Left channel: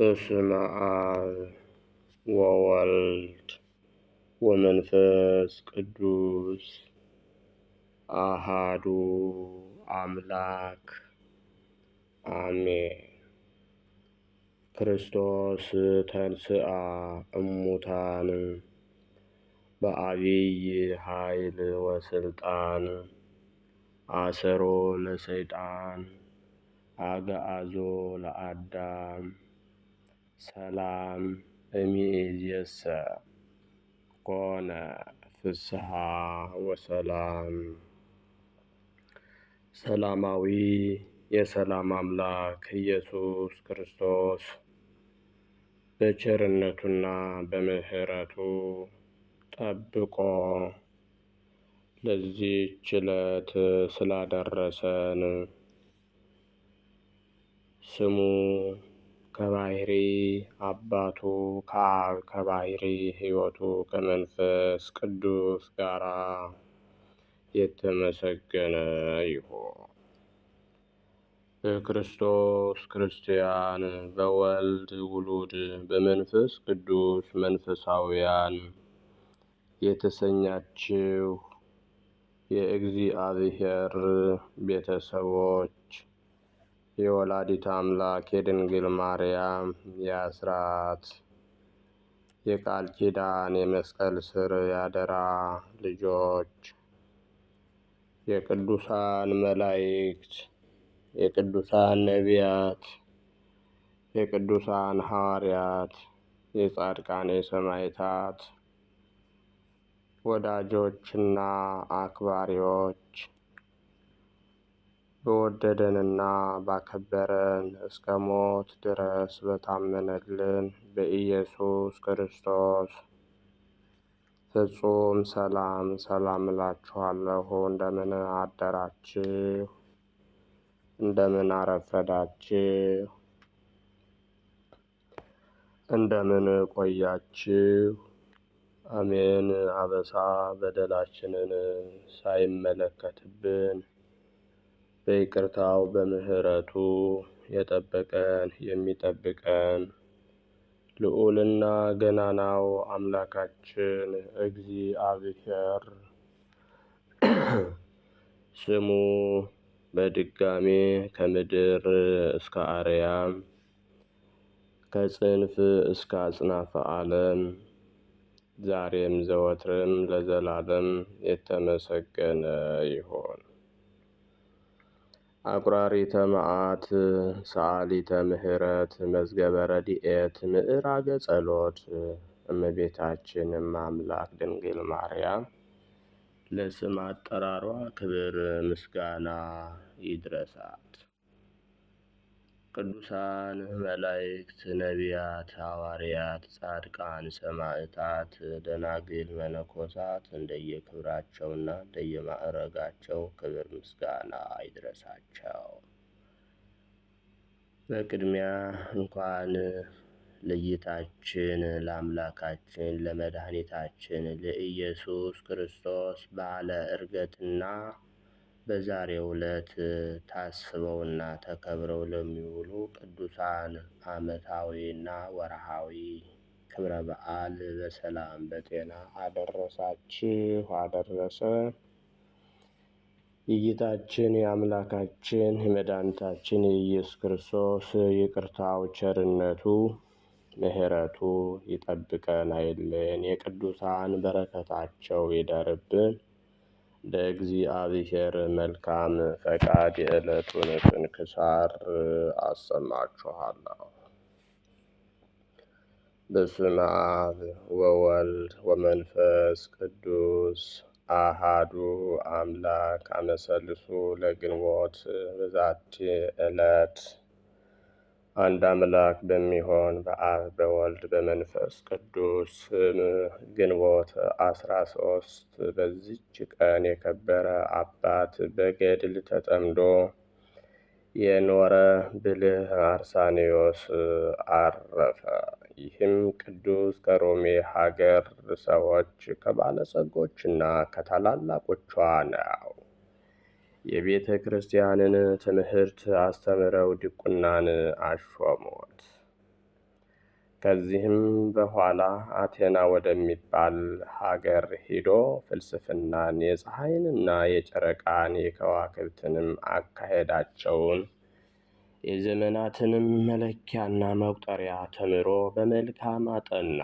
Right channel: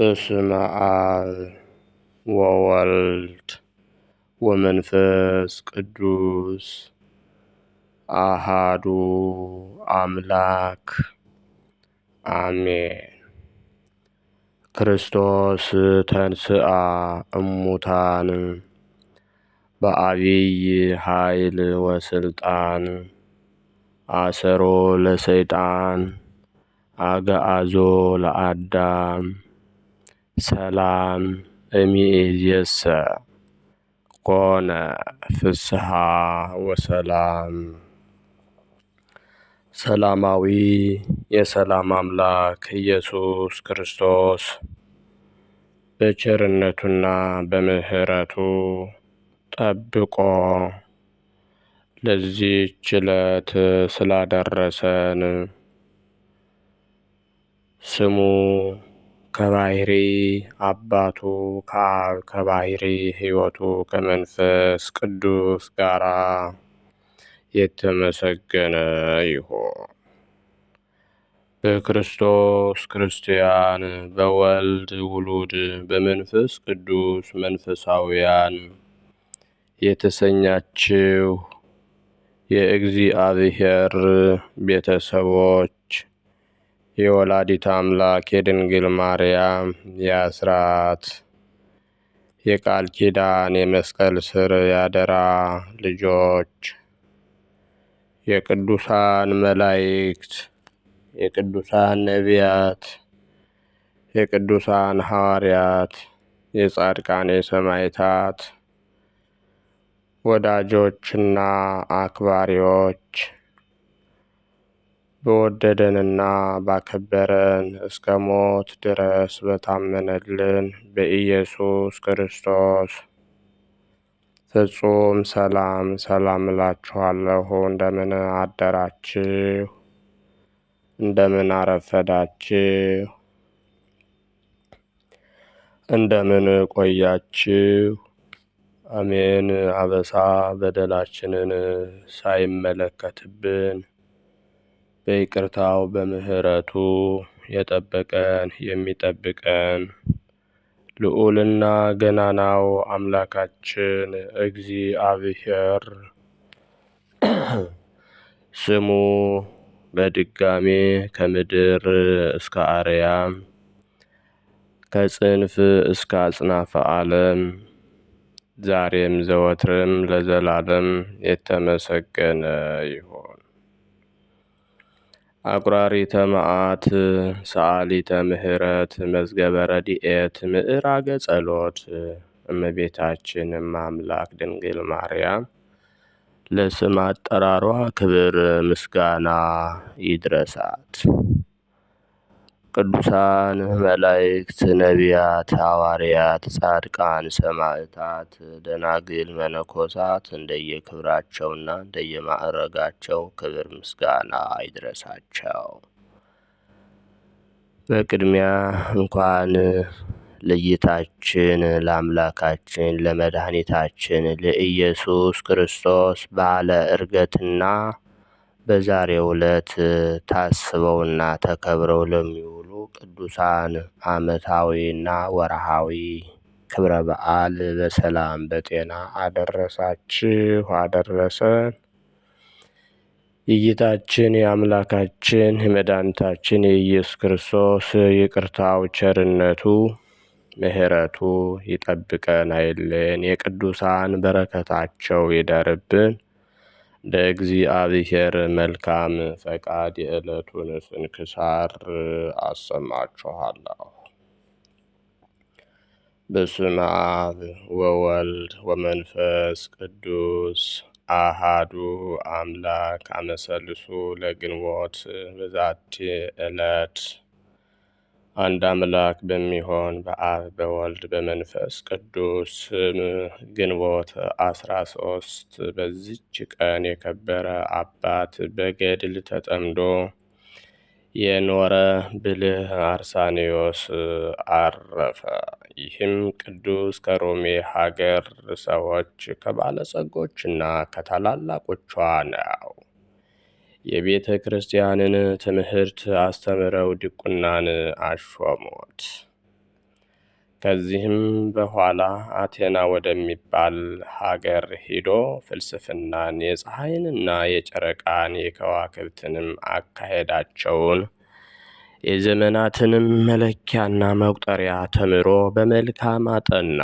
በስመ አብ ወወልድ ወመንፈስ ቅዱስ አሃዱ አምላክ አሜን። ክርስቶስ ተንሥአ እሙታን በዐቢይ ኃይል ወስልጣን አሰሮ ለሰይጣን አግዓዞ ለአዳም ሰላም እምይእዜሰ ኮነ ፍስሐ ወሰላም። ሰላማዊ የሰላም አምላክ ኢየሱስ ክርስቶስ በቸርነቱና በምሕረቱ ጠብቆ ለዚህች ዕለት ስላደረሰን ስሙ ከባሕሪ አባቱ ከአብ ከባሕሪ ሕይወቱ ከመንፈስ ቅዱስ ጋር የተመሰገነ ይሁን። በክርስቶስ ክርስቲያን፣ በወልድ ውሉድ፣ በመንፈስ ቅዱስ መንፈሳውያን የተሰኛችው የእግዚአብሔር ቤተሰቦች የወላዲተ አምላክ የድንግል ማርያም የአስራት የቃል ኪዳን የመስቀል ስር ያደራ ልጆች የቅዱሳን መላእክት፣ የቅዱሳን ነቢያት፣ የቅዱሳን ሐዋርያት፣ የጻድቃን የሰማዕታት ወዳጆችና አክባሪዎች በወደደንና ባከበረን እስከ ሞት ድረስ በታመነልን በኢየሱስ ክርስቶስ ፍጹም ሰላም እላችኋለሁ። እንደምን አደራችሁ? እንደምን አረፈዳችሁ? እንደምን ቆያችሁ? አሜን። አበሳ በደላችንን ሳይመለከትብን በይቅርታው በምሕረቱ የጠበቀን የሚጠብቀን ልዑልና ገናናው አምላካችን እግዚአብሔር ስሙ በድጋሜ ከምድር እስከ አርያም ከጽንፍ እስከ አጽናፈ ዓለም ዛሬም ዘወትርም ለዘላለም የተመሰገነ ይሁን። አቁራሪተ መዓት ሰዓሊተ ምሕረት መዝገበ ረድኤት ምዕራገ ጸሎት እመቤታችን አምላክ ድንግል ማርያም ለስም አጠራሯ ክብር ምስጋና ይድረሳት። ቅዱሳን መላእክት፣ ነቢያት፣ ሐዋርያት፣ ጻድቃን፣ ሰማዕታት፣ ደናግል፣ መነኮሳት እንደየክብራቸውና እንደየማዕረጋቸው ክብር ምስጋና ይድረሳቸው። በቅድሚያ እንኳን ለጌታችን ለአምላካችን ለመድኃኒታችን ለኢየሱስ ክርስቶስ በዓለ ዕርገትና በዛሬው ዕለት ታስበውና ተከብረው ለሚውሉ ቅዱሳን ዓመታዊና ወርሃዊ ክብረ በዓል በሰላም በጤና አደረሳችሁ አደረሰን። የጌታችን የአምላካችን የመድኃኒታችን የኢየሱስ ክርስቶስ ይቅርታው ቸርነቱ ምሕረቱ ይጠብቀን አይለየን። የቅዱሳን በረከታቸው ይደርብን። እንደ እግዚአብሔር መልካም ፈቃድ የዕለቱን ስንክሳር አሰማችኋለሁ። በስመ አብ ወወልድ ወመንፈስ ቅዱስ አሃዱ አምላክ አመሰልሱ ለግንቦት በዛቲ ዕለት አንድ አምላክ በሚሆን በአብ በወልድ በመንፈስ ቅዱስ ስም ግንቦት 13 በዚች ቀን የከበረ አባት በገድል ተጠምዶ የኖረ ብልህ አርሳኔዎስ አረፈ። ይህም ቅዱስ ከሮሜ ሀገር ሰዎች ከባለጸጎችና ከታላላቆቿ ነው። የቤተ ክርስቲያንን ትምህርት አስተምረው ዲቁናን አሾሙት። ከዚህም በኋላ አቴና ወደሚባል ሀገር ሂዶ ፍልስፍናን፣ የፀሐይንና የጨረቃን የከዋክብትንም አካሄዳቸውን የዘመናትንም መለኪያና መቁጠሪያ ተምሮ በመልካም አጠና።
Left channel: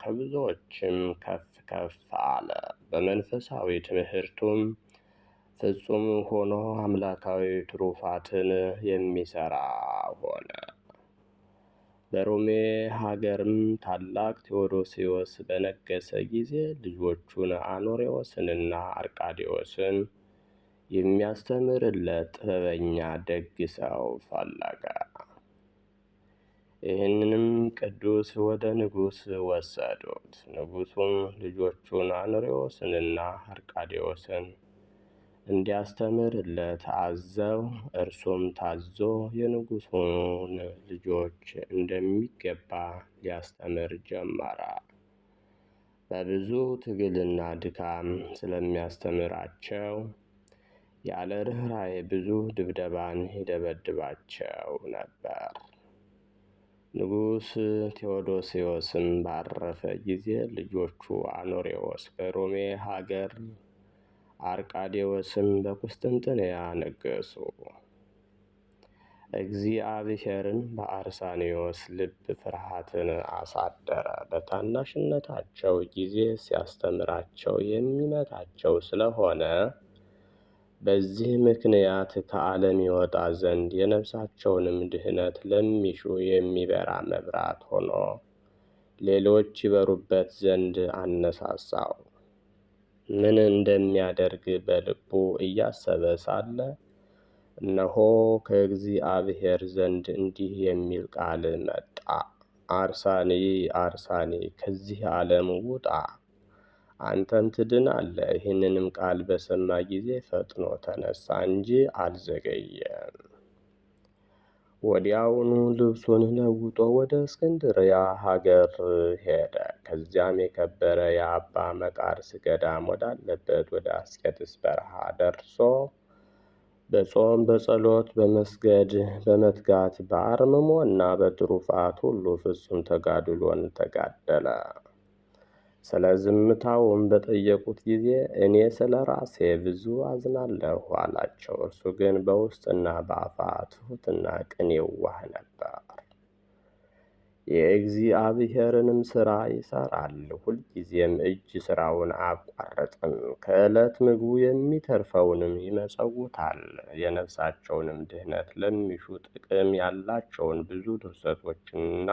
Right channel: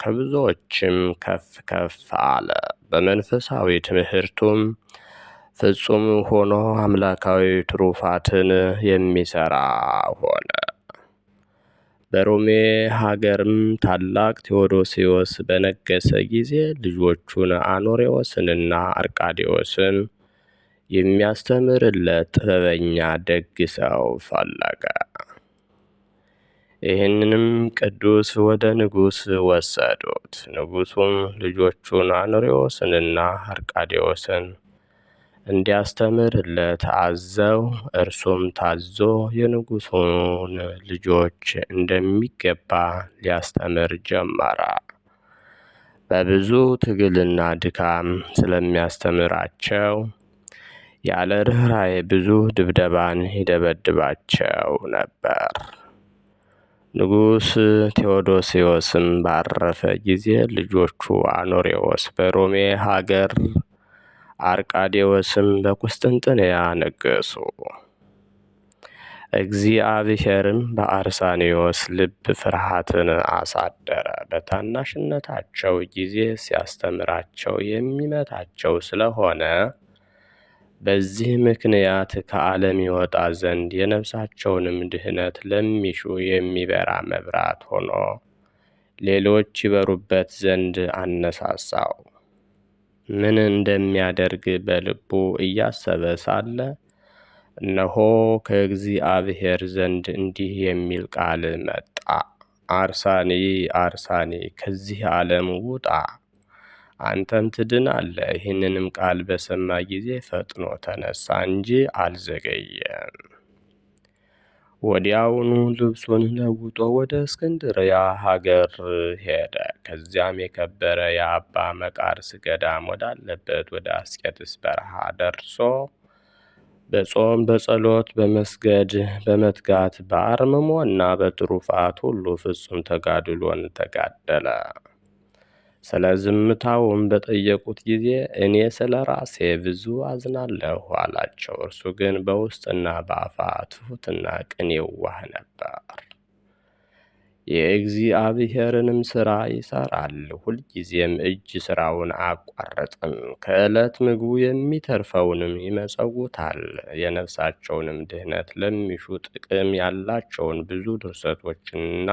ከብዙዎችም ከፍ ከፍ አለ። በመንፈሳዊ ትምህርቱም ፍጹም ሆኖ አምላካዊ ትሩፋትን የሚሰራ ሆነ። በሮሜ ሀገርም ታላቅ ቴዎዶስዮስ በነገሰ ጊዜ ልጆቹን አኖሬዎስንና አርቃዴዎስን የሚያስተምርለት ጥበበኛ ደግ ሰው ፈለገ። ይህንንም ቅዱስ ወደ ንጉሥ ወሰዱት። ንጉሡም ልጆቹን አኖሬዎስንና አርቃዴዎስን እንዲያስተምርለት አዘው፣ እርሱም ታዞ የንጉሡን ልጆች እንደሚገባ ሊያስተምር ጀመረ። በብዙ ትግልና ድካም ስለሚያስተምራቸው ያለ ርኅራኄ ብዙ ድብደባን ይደበድባቸው ነበር። ንጉሥ ቴዎዶስዮስም ባረፈ ጊዜ ልጆቹ አኖሬዎስ በሮሜ ሀገር፣ አርቃዴዎስም በቁስጥንጥንያ ነገሱ። እግዚአብሔርም በአርሳኒዎስ ልብ ፍርሃትን አሳደረ። በታናሽነታቸው ጊዜ ሲያስተምራቸው የሚመታቸው ስለሆነ በዚህ ምክንያት ከዓለም ይወጣ ዘንድ የነፍሳቸውንም ድህነት ለሚሹ የሚበራ መብራት ሆኖ ሌሎች ይበሩበት ዘንድ አነሳሳው። ምን እንደሚያደርግ በልቡ እያሰበ ሳለ እነሆ ከእግዚአብሔር ዘንድ እንዲህ የሚል ቃል መጣ። አርሳኒ አርሳኒ፣ ከዚህ ዓለም ውጣ፣ አንተም ትድናለህ። ይህንንም ቃል በሰማ ጊዜ ፈጥኖ ተነሳ እንጂ አልዘገየም። ወዲያውኑ ልብሱን ለውጦ ወደ እስክንድርያ ሀገር ሄደ። ከዚያም የከበረ የአባ መቃርስ ገዳም ወዳለበት ወደ አስቄጥስ በረሃ ደርሶ በጾም በጸሎት በመስገድ በመትጋት በአርምሞና በትሩፋት ሁሉ ፍጹም ተጋድሎን ተጋደለ። ስለ ዝምታውም በጠየቁት ጊዜ እኔ ስለ ራሴ ብዙ አዝናለሁ አላቸው። እርሱ ግን በውስጥና በአፋ ትሑትና ቅን የዋህ ነበር። የእግዚአብሔርንም ሥራ ይሠራል፣ ሁልጊዜም እጅ ሥራውን አያቋርጥም። ከዕለት ምግቡ የሚተርፈውንም ይመጸውታል። የነፍሳቸውንም ድህነት ለሚሹ ጥቅም ያላቸውን ብዙ ድርሰቶችንና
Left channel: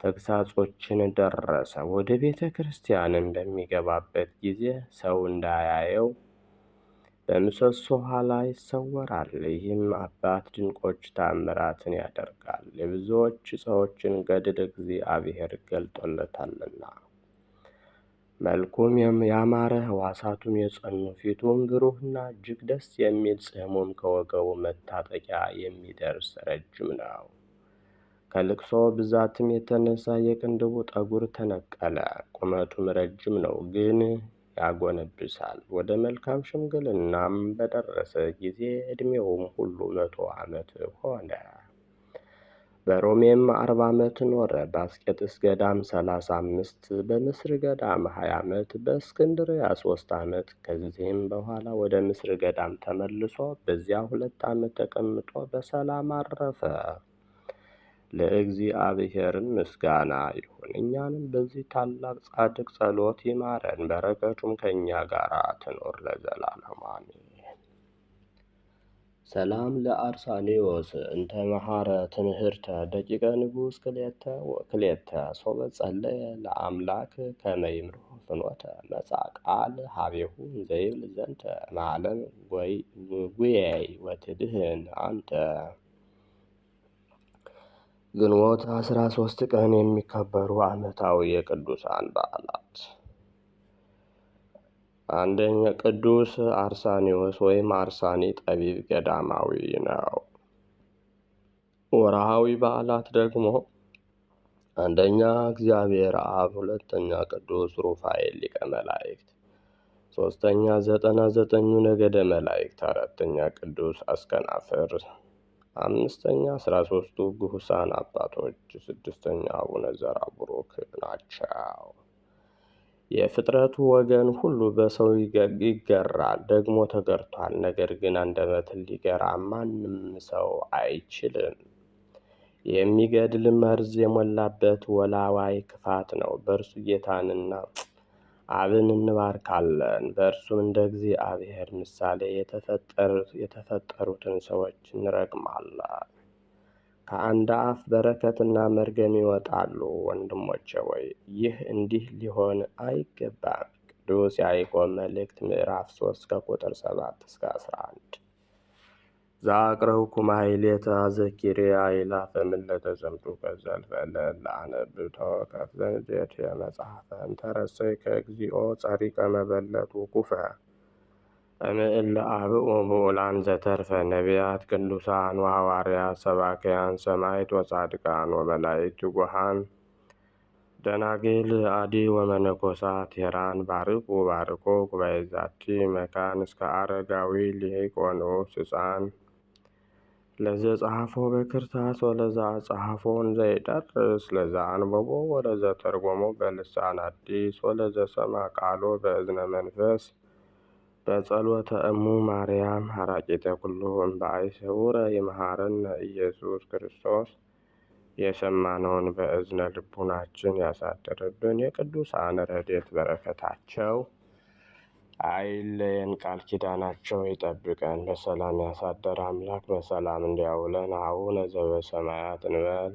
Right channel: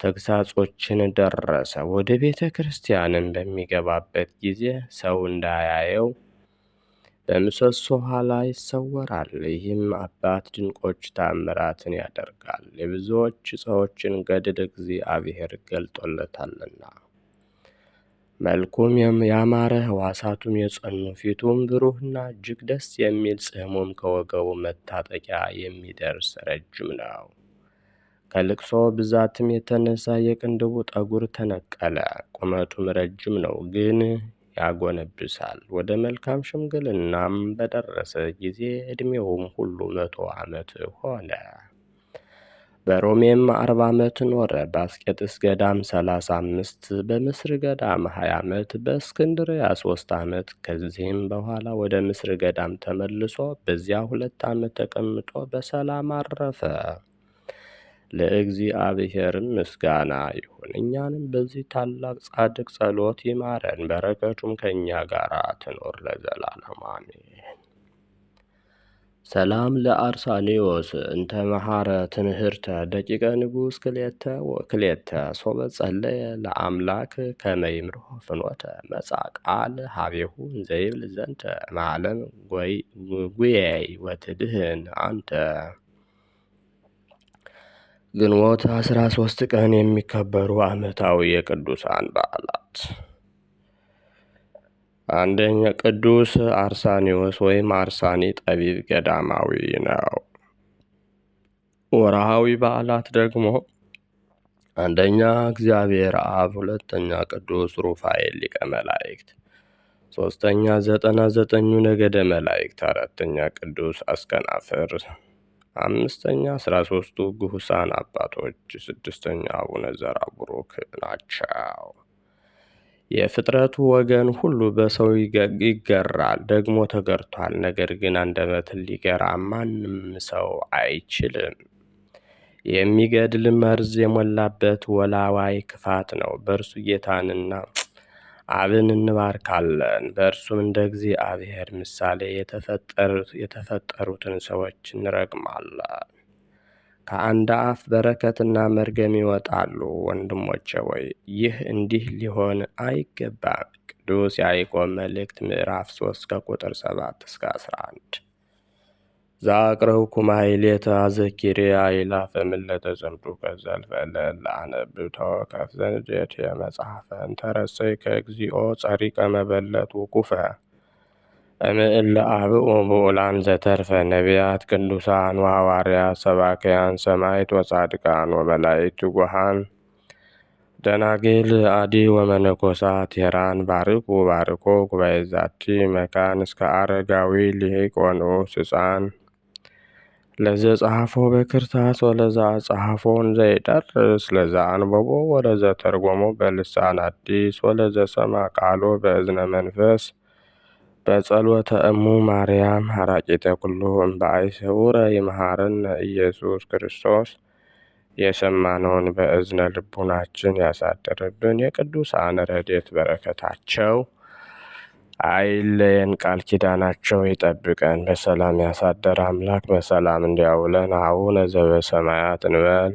ተግሳጾችን ደረሰ። ወደ ቤተ ክርስቲያንም በሚገባበት ጊዜ ሰው እንዳያየው በምሰሶ ኋላ ይሰወራል። ይህም አባት ድንቆች ተአምራትን ያደርጋል፣ የብዙዎች ሰዎችን ገድል እግዚአብሔር ገልጦለታልና። መልኩም ያማረ፣ ሕዋሳቱም የጸኑ፣ ፊቱም ብሩህና እጅግ ደስ የሚል፣ ጽሕሙም ከወገቡ መታጠቂያ የሚደርስ ረጅም ነው። ከልቅሶ ብዛትም የተነሳ የቅንድቡ ጠጉር ተነቀለ። ቁመቱም ረጅም ነው፣ ግን ያጎነብሳል። ወደ መልካም ሽምግልናም በደረሰ ጊዜ ዕድሜውም ሁሉ 100 ዓመት ሆነ። በሮሜም 40 ዓመት ኖረ። በአስቄጥስ ገዳም 35፣ በምስር ገዳም 20 ዓመት፣ በእስክንድርያ 3 ዓመት። ከዚህም በኋላ ወደ ምስር ገዳም ተመልሶ በዚያ 2 ዓመት ተቀምጦ በሰላም አረፈ። ለእግዚአብሔርም ምስጋና ይሁን፣ እኛንም በዚህ ታላቅ ጻድቅ ጸሎት ይማረን፣ በረከቱም ከእኛ ጋር ትኖር ለዘላለሙ አሜን። ሰላም ለአርሳኒዎስ እንተ መሐረ ትምህርተ ደቂቀ ንጉሥ ክልኤተ ሶበ ጸለየ ለአምላክ ከመ ይምርሖ ፍኖተ መጽአ ቃል ሀቤሁ እንዘይብል ዘንተ እምዓለም ጉየይ ወትድህን አንተ። ግንቦት 13 ቀን የሚከበሩ ዓመታዊ የቅዱሳን በዓላት። አንደኛ ቅዱስ አርሳኒዎስ ወይም አርሳኒ ጠቢብ ገዳማዊ ነው። ወርሃዊ በዓላት ደግሞ አንደኛ እግዚአብሔር አብ፣ ሁለተኛ ቅዱስ ሩፋኤል ሊቀ መላእክት፣ ሶስተኛ 99ኙ ነገደ መላእክት፣ አራተኛ ቅዱስ አስከናፍር፣ 5ኛ 13ቱ ግሁሳን አባቶች፣ 6ኛ አቡነ ዘርአቡሩክ ናቸው። የፍጥረቱ ወገን ሁሉ በሰው ይገራል፣ ደግሞ ተገርቷል። ነገር ግን አንደበትን ሊገራ ማንም ሰው አይችልም። የሚገድል መርዝ የሞላበት ወላዋይ ክፋት ነው። በእርሱ ጌታንና አብን እንባርካለን። በእርሱም እንደ እግዚአብሔር ምሳሌ የተፈጠሩትን ሰዎች እንረግማለን። ከአንድ አፍ በረከትና መርገም ይወጣሉ። ወንድሞቼ ሆይ ይህ እንዲህ ሊሆን አይገባም። ቅዱስ ያዕቆብ መልእክት ምዕራፍ 3 ከቁጥር 7 እስከ 11። ዛቅረብኩ ማሕሌተ አዘኪርያ አእላፈ ምለተ ጽምዱከ ዘልፈ ለአነብብ ተወከፍ ዘንዴቴ መጽሐፈ እንተረሰይከ እግዚኦ ጸሪቀ መበለት ውኩፈ እምእለ አብኡ ብኡላን ዘተርፈ ነቢያት ቅዱሳን ወሐዋርያት ሰባክያን ሰማዕት ወጻድቃን ወመላእክት ትጉሃን ደናግል አዲ ወመነኮሳት ሄራን ባርኩ ባርኮ ጉባኤ ዛቲ መካን እስከ አረጋዊ ሊቅ ወንዑስ ሕፃን ለዘ ጸሐፎ በክርታስ ወለዛ ጸሐፎን ዘይደርስ ለዛ አንበቦ ወለዘ ተርጎሞ በልሳን አዲስ ወለዘ ሰማ ቃሎ በእዝነ መንፈስ በጸሎተ እሙ ማርያም ሐራቂተ ኩሉ እምበአይ ስውረ ይምሃረነ ኢየሱስ ክርስቶስ። የሰማነውን በእዝነ ልቡናችን ያሳደርብን። የቅዱሳን ረድኤት በረከታቸው አይለየን። ቃል ኪዳናቸው ይጠብቀን። በሰላም ያሳደረ አምላክ በሰላም እንዲያውለን። አቡነ ዘበሰማያት እንበል።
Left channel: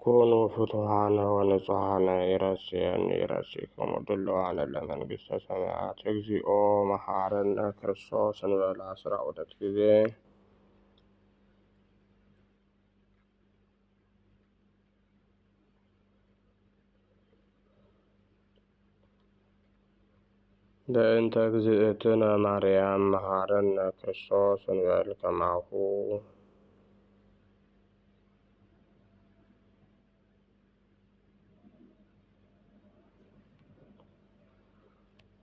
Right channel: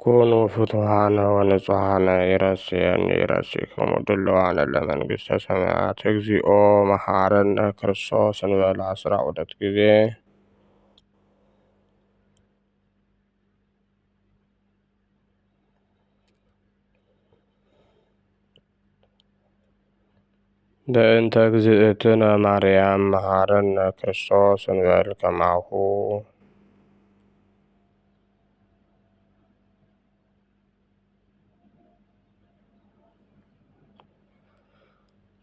ኩኑ ፍቱሐነ ወንጹሐነ ይረስየኒ ይረሲክሙ ድልዋነ ለመንግሥተ ሰማያት። እግዚኦ መሐረነ ክርስቶስ እንበል 12 ጊዜ። በእንተ እግዝእትነ ማርያም መሐረነ ክርስቶስ እንበል ከማሁ።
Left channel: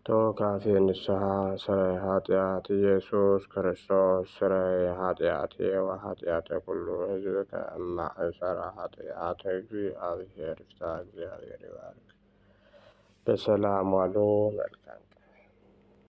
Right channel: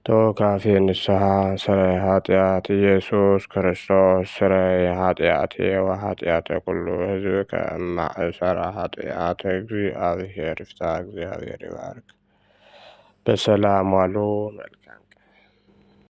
ተወካፌ ንስሐ ስረይ ኃጢአት ኢየሱስ ክርስቶስ ስረይ ኃጢአቴ ወኃጢአተ ኩሉ ሕዝብ ከማእሰረ ኃጢአት። እግዚአብሔር ይፍታ። እግዚአብሔር ይባርክ። በሰላም ዋሉ። መልካም